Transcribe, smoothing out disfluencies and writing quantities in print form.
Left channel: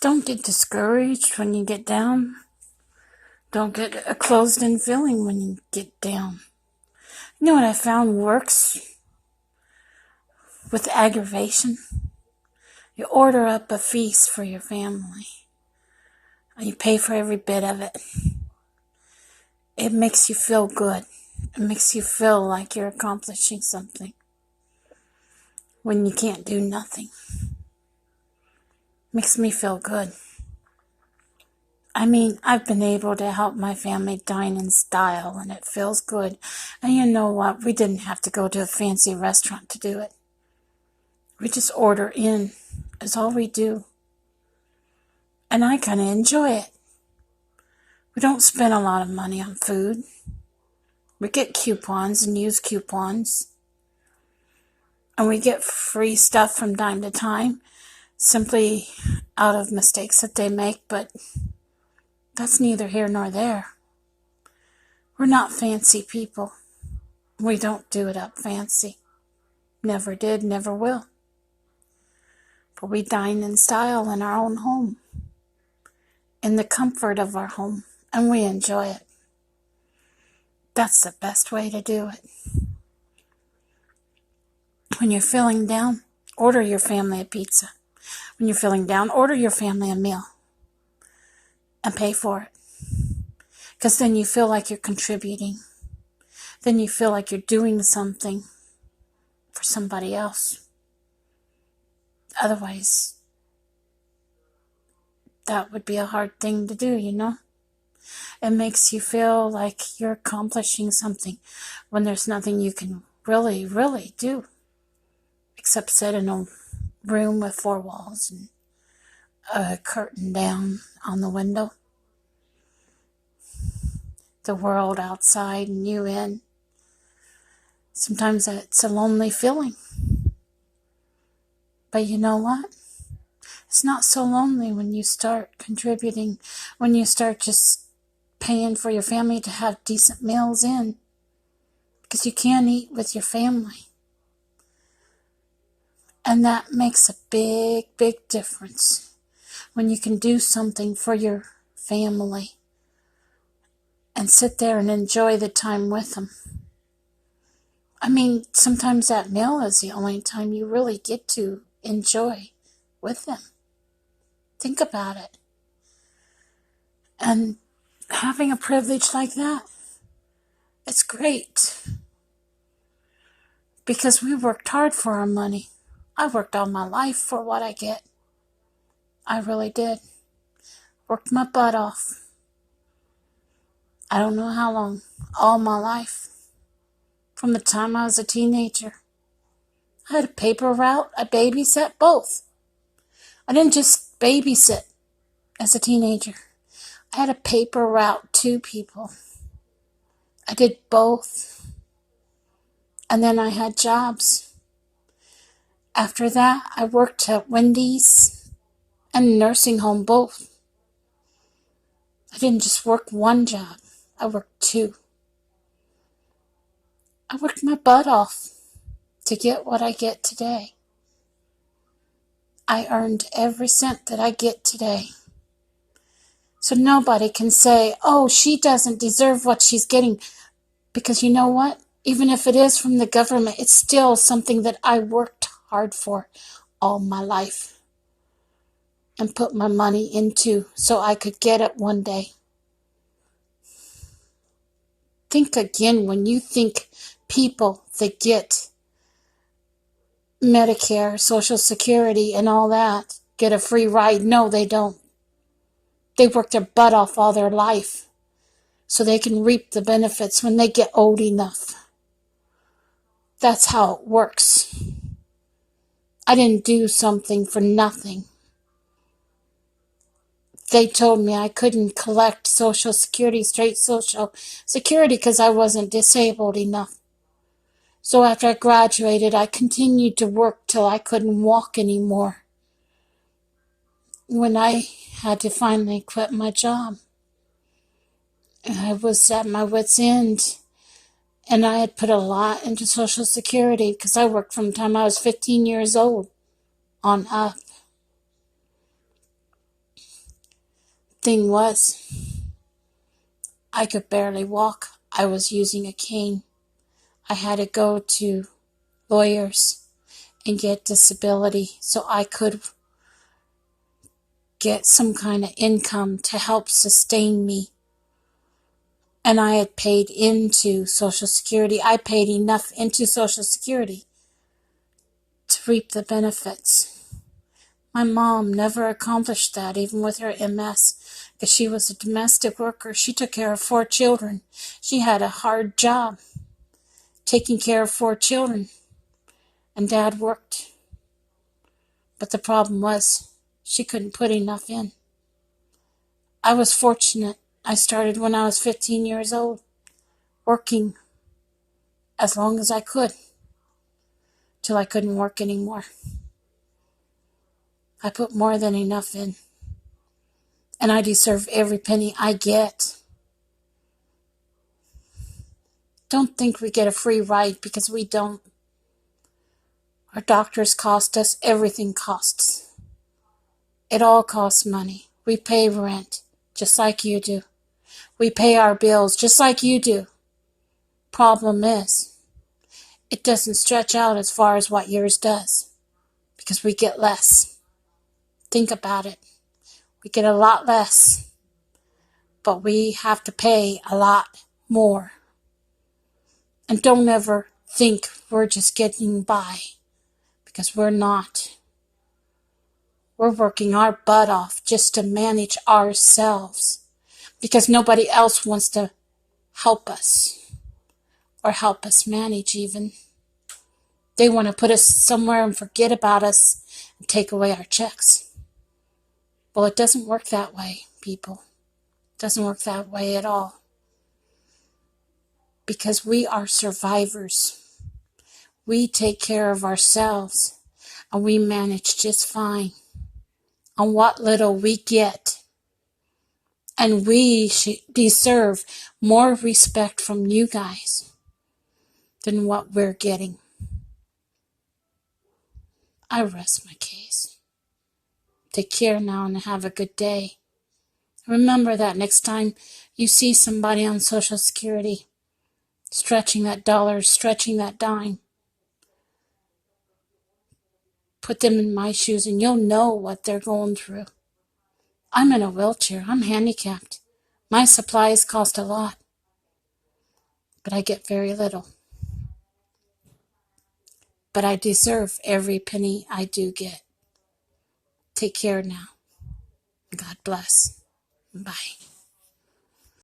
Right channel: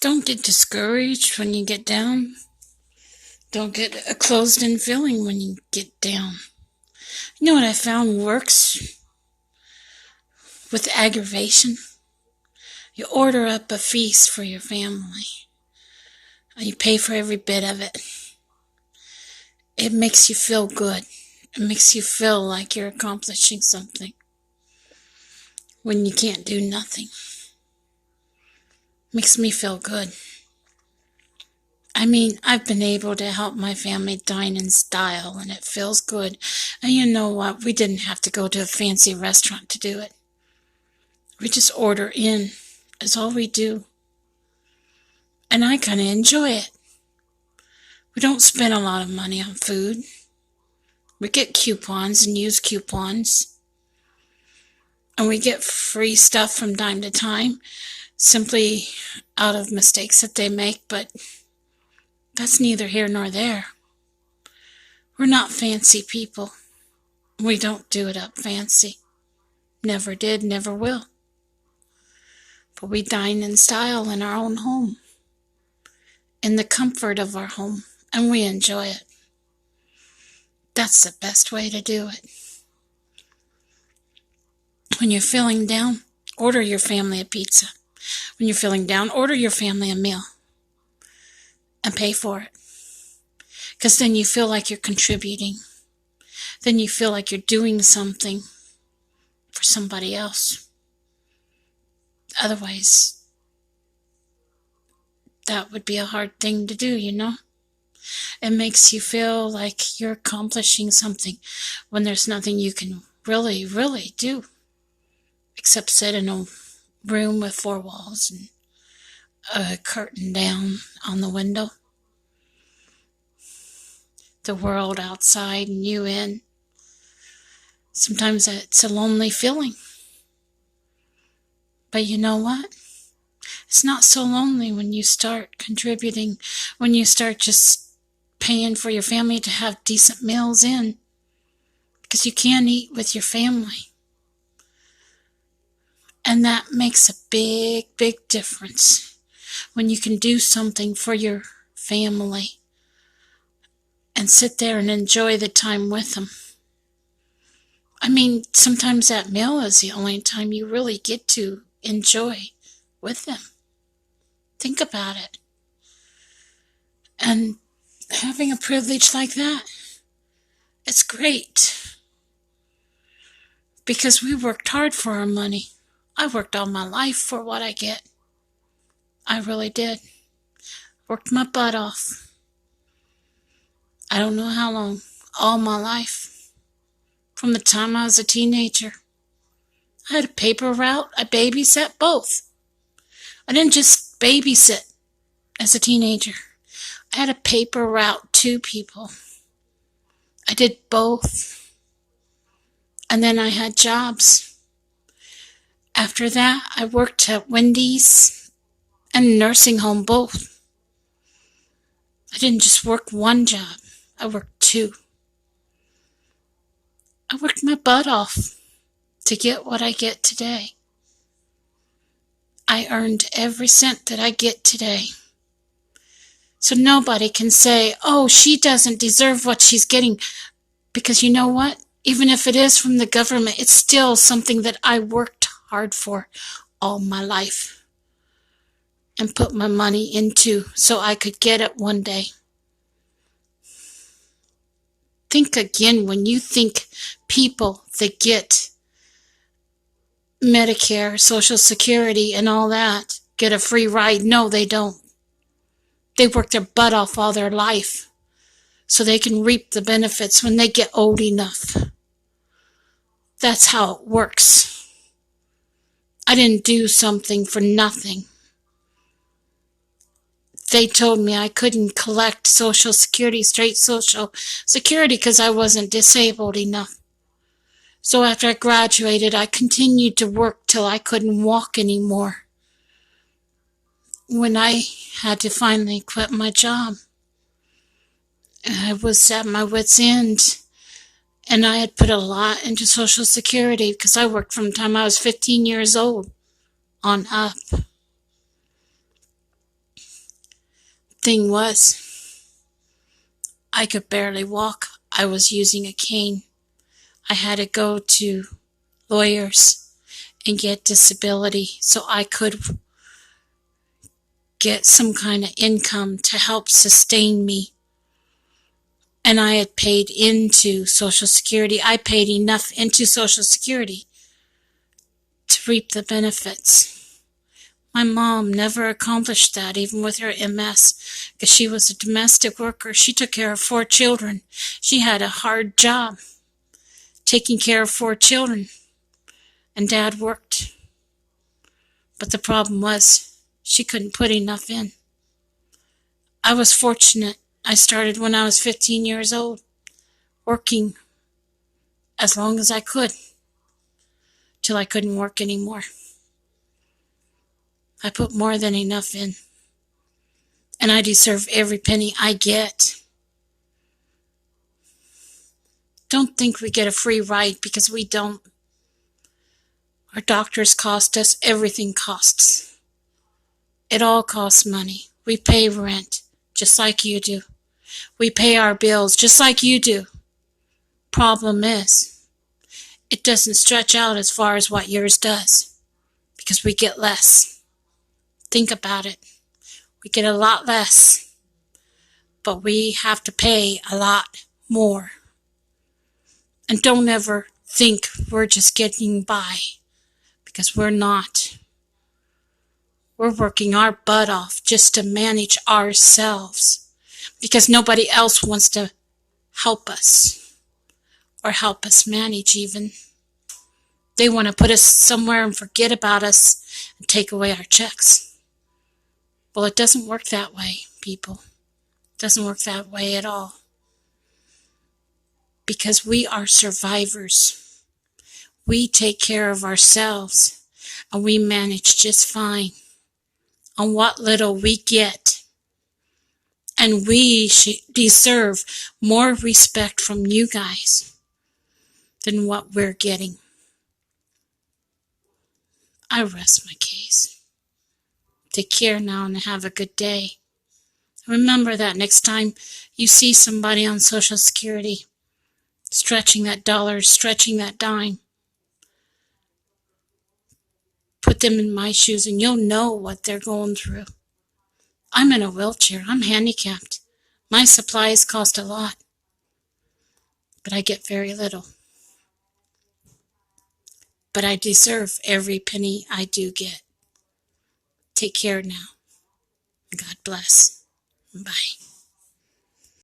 Don't get discouraged when you get down. Don't get a closed-in feeling when you get down. You know what I found works with aggravation? You order up a feast for your family, and you pay for every bit of it. It makes you feel good. It makes you feel like you're accomplishing something when you can't do nothing. Makes me feel good. I mean, I've been able to help my family dine in style, and it feels good. And you know what? We didn't have to go to a fancy restaurant to do it. We just order in. It's all we do. And I kind of enjoy it. We don't spend a lot of money on food. We get coupons and use coupons. And we get free stuff from time to time, simply out of mistakes that they make, but that's neither here nor there. We're not fancy people. We don't do it up fancy. Never did, never will. But we dine in style in our own home, in the comfort of our home, and we enjoy it. That's the best way to do it. When you're feeling down, order your family a pizza. When you're feeling down, order your family a meal and pay for it. Because then you feel like you're contributing. Then you feel like you're doing something for somebody else. Otherwise, that would be a hard thing to do, you know? It makes you feel like you're accomplishing something when there's nothing you can really, really do except sit in a room with four walls and a curtain down on the window. The world outside and you in. Sometimes it's a lonely feeling. But you know what? It's not so lonely when you start contributing, when you start just paying for your family to have decent meals in. Because you can't eat with your family. And that makes a big, big difference when you can do something for your family and sit there and enjoy the time with them. I mean, sometimes that meal is the only time you really get to enjoy with them. Think about it. And having a privilege like that, it's great. Because we worked hard for our money. I worked all my life for what I get. I really did. Worked my butt off. I don't know how long. All my life. From the time I was a teenager. I had a paper route. I babysat both. I didn't just babysit as a teenager. I had a paper route, 2 people. I did both. And then I had jobs. After that, I worked at Wendy's and nursing home both. I didn't just work one job. I worked 2. I worked my butt off to get what I get today. I earned every cent that I get today. So nobody can say, oh, she doesn't deserve what she's getting. Because you know what? Even if it is from the government, it's still something that I worked hard for all my life and put my money into so I could get it one day. Think again when you think people that get Medicare, Social Security, and all that get a free ride. No, they don't. They work their butt off all their life so they can reap the benefits when they get old enough. That's how it works. I didn't do something for nothing. They told me I couldn't collect Social Security, straight Social Security, because I wasn't disabled enough. So after I graduated, I continued to work till I couldn't walk anymore. When I had to finally quit my job, I was at my wit's end. And I had put a lot into Social Security because I worked from the time I was 15 years old on up. Thing was, I could barely walk. I was using a cane. I had to go to lawyers and get disability so I could get some kind of income to help sustain me. And I had paid into Social Security. I paid enough into Social Security to reap the benefits. My mom never accomplished that, even with her MS, because she was a domestic worker. She took care of 4 children. She had a hard job taking care of 4 children, and Dad worked. But the problem was, she couldn't put enough in. I was fortunate. I started when I was 15 years old, working as long as I could, till I couldn't work anymore. I put more than enough in, and I deserve every penny I get. Don't think we get a free ride, because we don't. Our doctors cost us, everything costs. It all costs money. We pay rent, just like you do. We pay our bills, just like you do. Problem is, it doesn't stretch out as far as what yours does, because we get less. Think about it. We get a lot less, but we have to pay a lot more. And don't ever think we're just getting by, because we're not. We're working our butt off just to manage ourselves, because nobody else wants to help us, or help us manage even. They want to put us somewhere and forget about us and take away our checks. Well, it doesn't work that way, people. It doesn't work that way at all. Because we are survivors. We take care of ourselves, and we manage just fine on what little we get. And we deserve more respect from you guys than what we're getting. I rest my case. Take care now and have a good day. Remember that next time you see somebody on Social Security stretching that dollar, stretching that dime, put them in my shoes and you'll know what they're going through. I'm in a wheelchair. I'm handicapped. My supplies cost a lot, but I get very little. But I deserve every penny I do get. Take care now. God bless. Bye.